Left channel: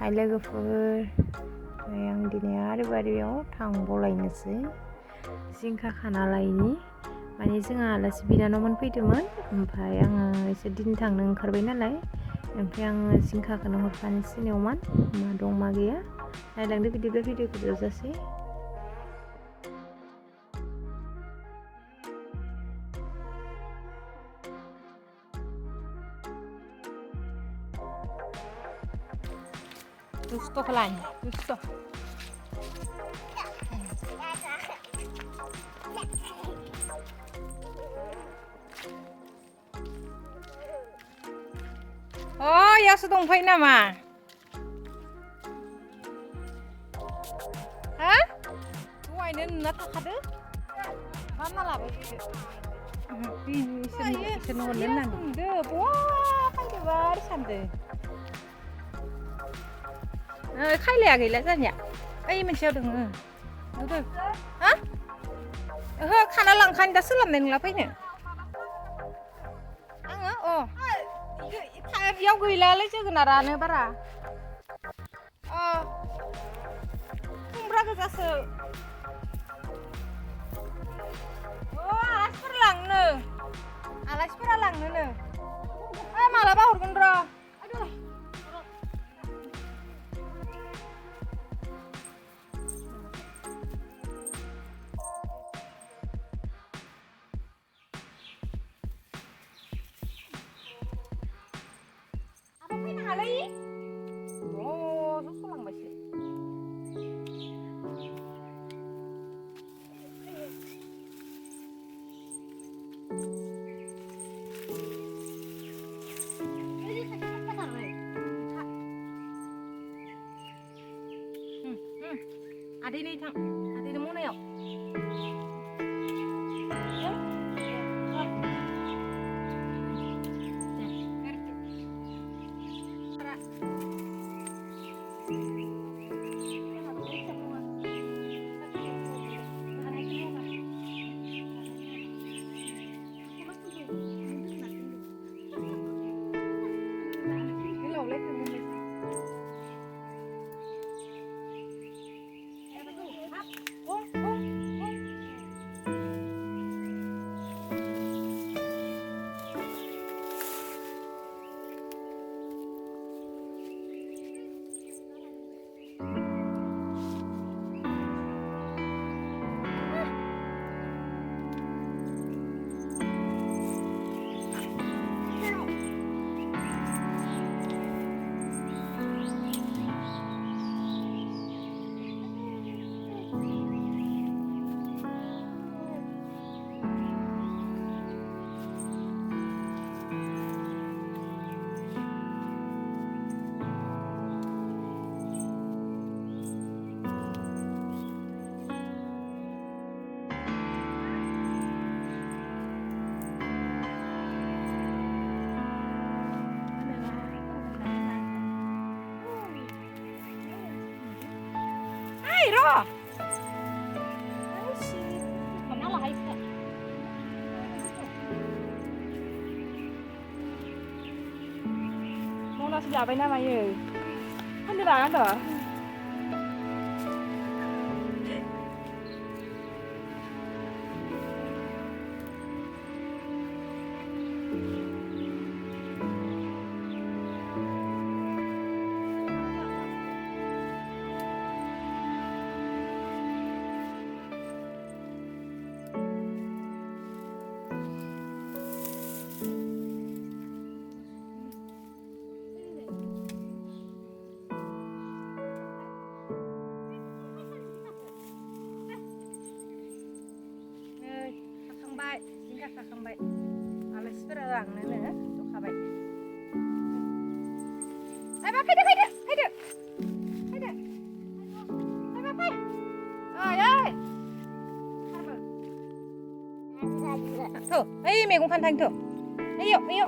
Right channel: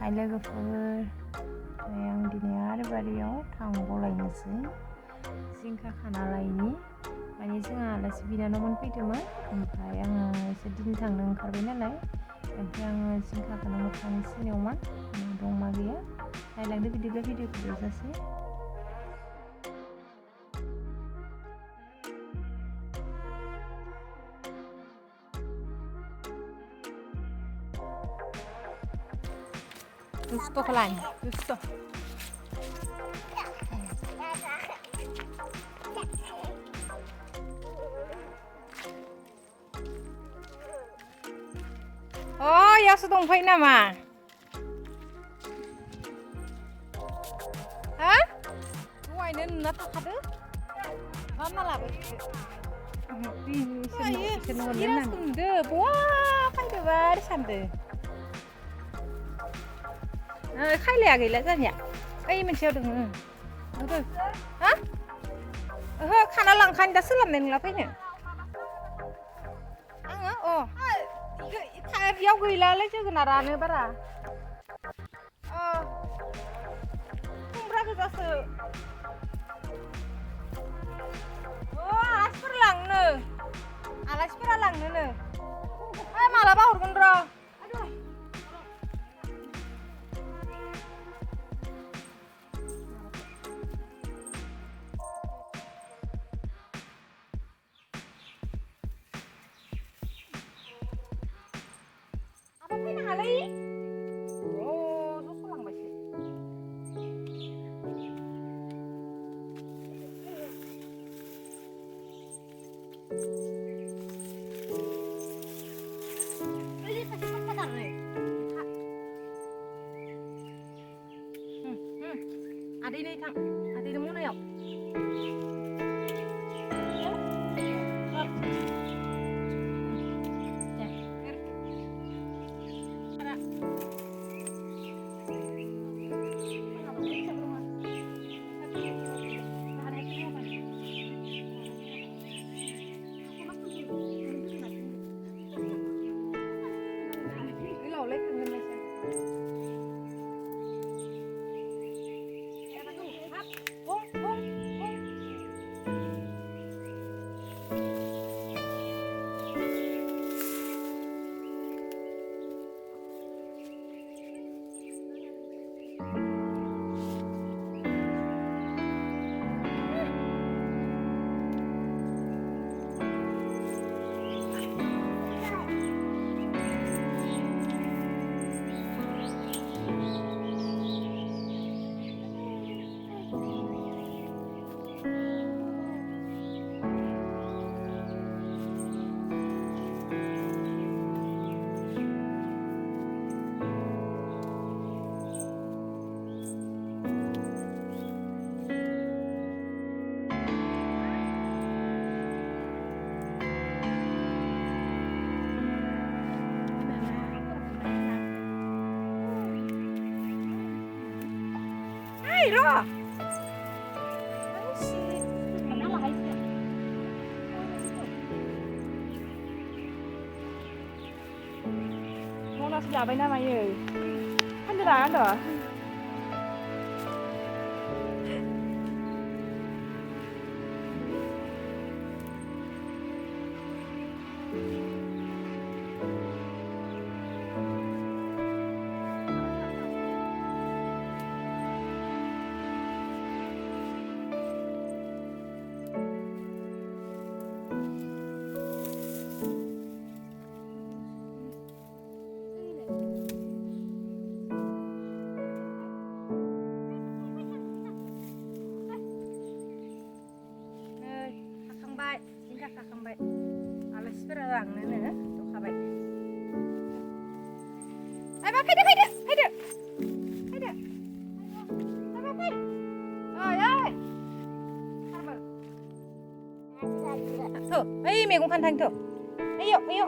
हाय लोगोफोर, आं दिनै आरो बारियाव थांबावलायनोसै जिंखा खाना लायनि। माने जोंहा आलासि बिनानावमोन फैदोंमोन, ओमफ्राय आङो एसे दिन थांनो ओंखारबाय नालाय, ओमफ्राय आङो जिंखाखौनो हरफानोसै सिनियावमोन मा दं मा गैया। नायलांदो बिदिब्ला भिडिअखौ जोबजासे। Gusto ko lang. Gusto. Oh, ya sedongfai nama. Ha? Dहायनो नोंना थाखादो? मा लाबाय इसोरनो हरनो होननानै बुंदो, बहा फैदोबा ओरै सानदो। खायलाया गैला जानिया ओइ मोनसेयाव दङ नुदो। हा? ओहो, खाना लांखानि दा सोलाबनाय नंला फैनो आङो। बेयाव गैलायालै जोगोनारानो बारा। खुमब्रा गोजासो। आलासिफोरा लांनोनो मालाबा हरगोन र'। फैनो हालै जस'लांबायसो। आदै नै थां, आदैनो मनायाव। Rồi. Mà nó lại Mona sudah apa nama ya? Ada. Jingka kakambai. Alasifोरा लांनोनो जखाबाय। Apa fैदो. Apa fै? Oi. Harba. Tuh, ओइ मैगं खानो थांनि tuh. Ayo.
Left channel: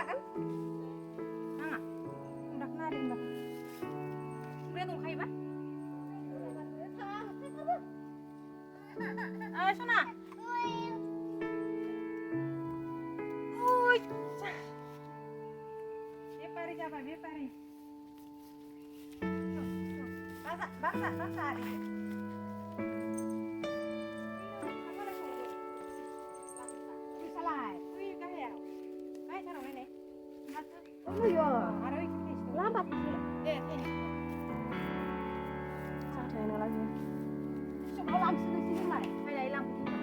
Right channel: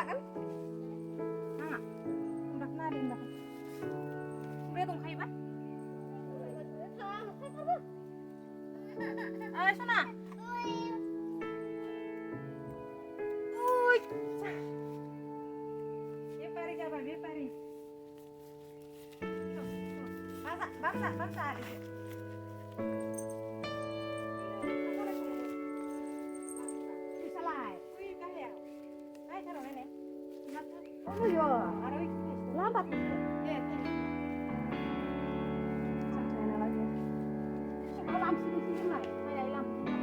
लागोन नाङा खुमब्राखौ नादों होनबाथाय खुमब्राया दंखायोबा ओइ सना बेपारि जाबाय बेपारि बांसा आरो बिसालाय ओइ गाहायाव बाय थार नायनाय ओमयो आरो लामा दे सांथाय ना लागे समाव लांसिगोनसै जोंलाय फायनाय लांफैदों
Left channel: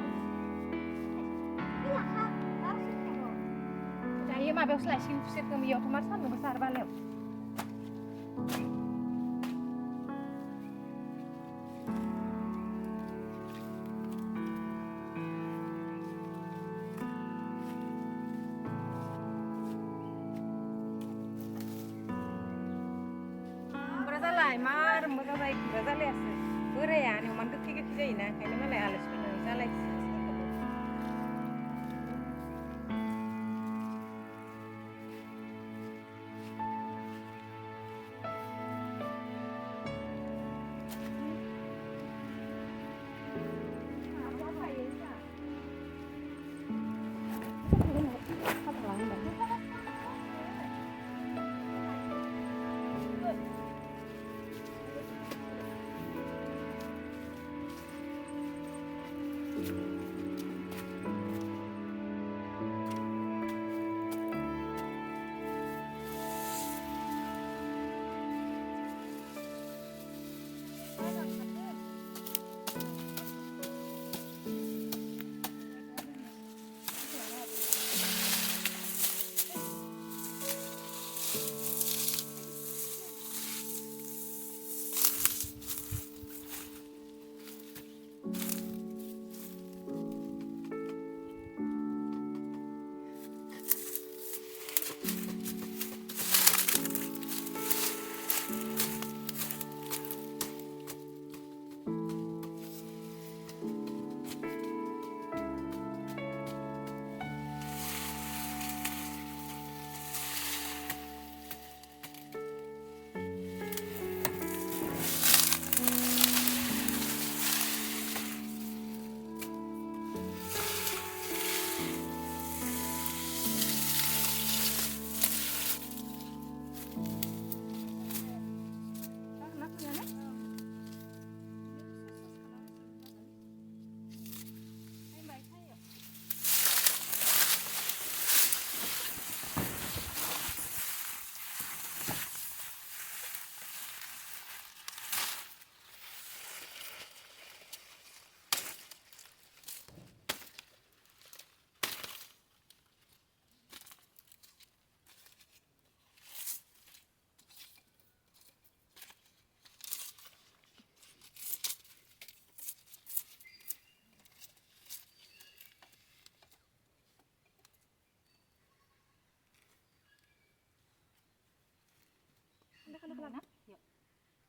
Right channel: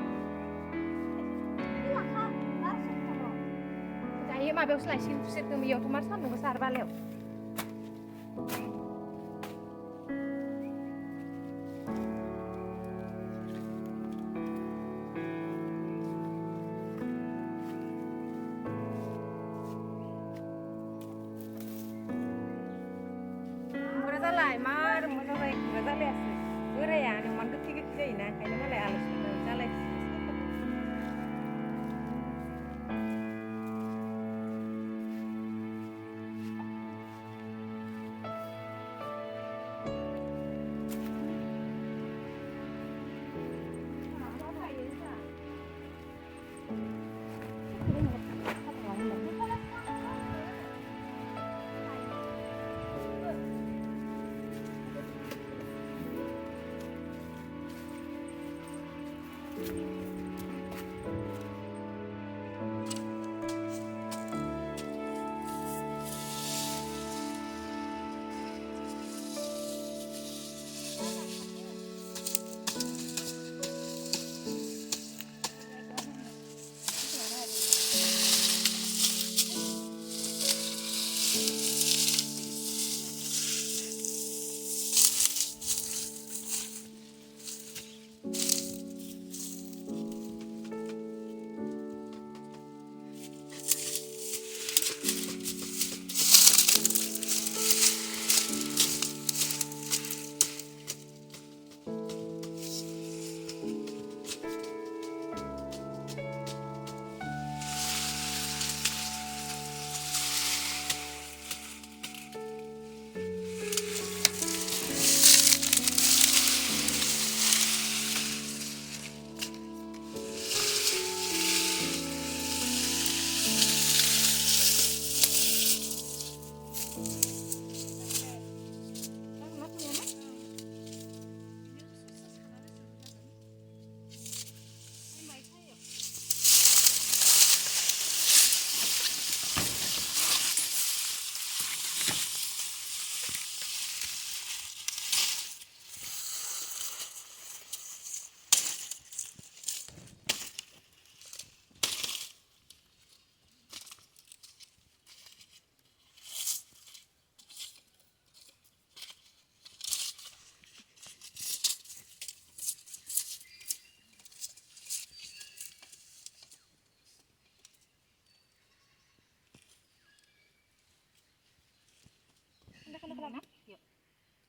लाखा आरो सोरखौ दायो माबायावसो लायसिगोन खुसेरखौ बेयावथ' मार सान्दुं गोसा आरो बालायाव मार मोजां जायो खुमब्रा जालायासो बोराया नेवमान गोखै गोखै जायोना ओंखायनो मालाय आलासिफोरनो जालायसो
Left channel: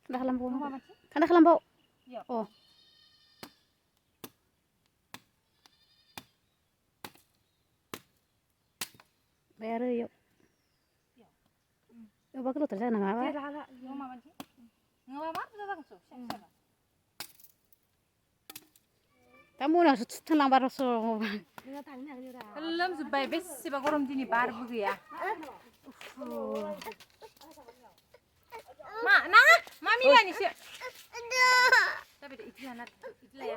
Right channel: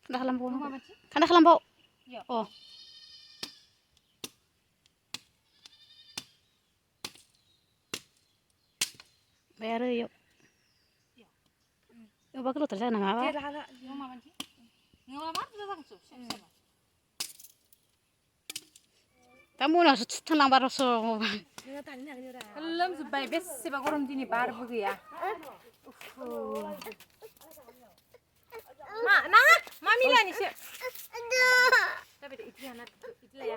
Kanda kelompok apa? Kanda kelompok. Oh. Bayar yuk. Yuk bakal terus nang apa? Tamu nak tenang baru so. Belum sampai bersih bagorom dini bar begiya. Ma, nah, mami lah ni sih. Tapi itu anak itu lah ya.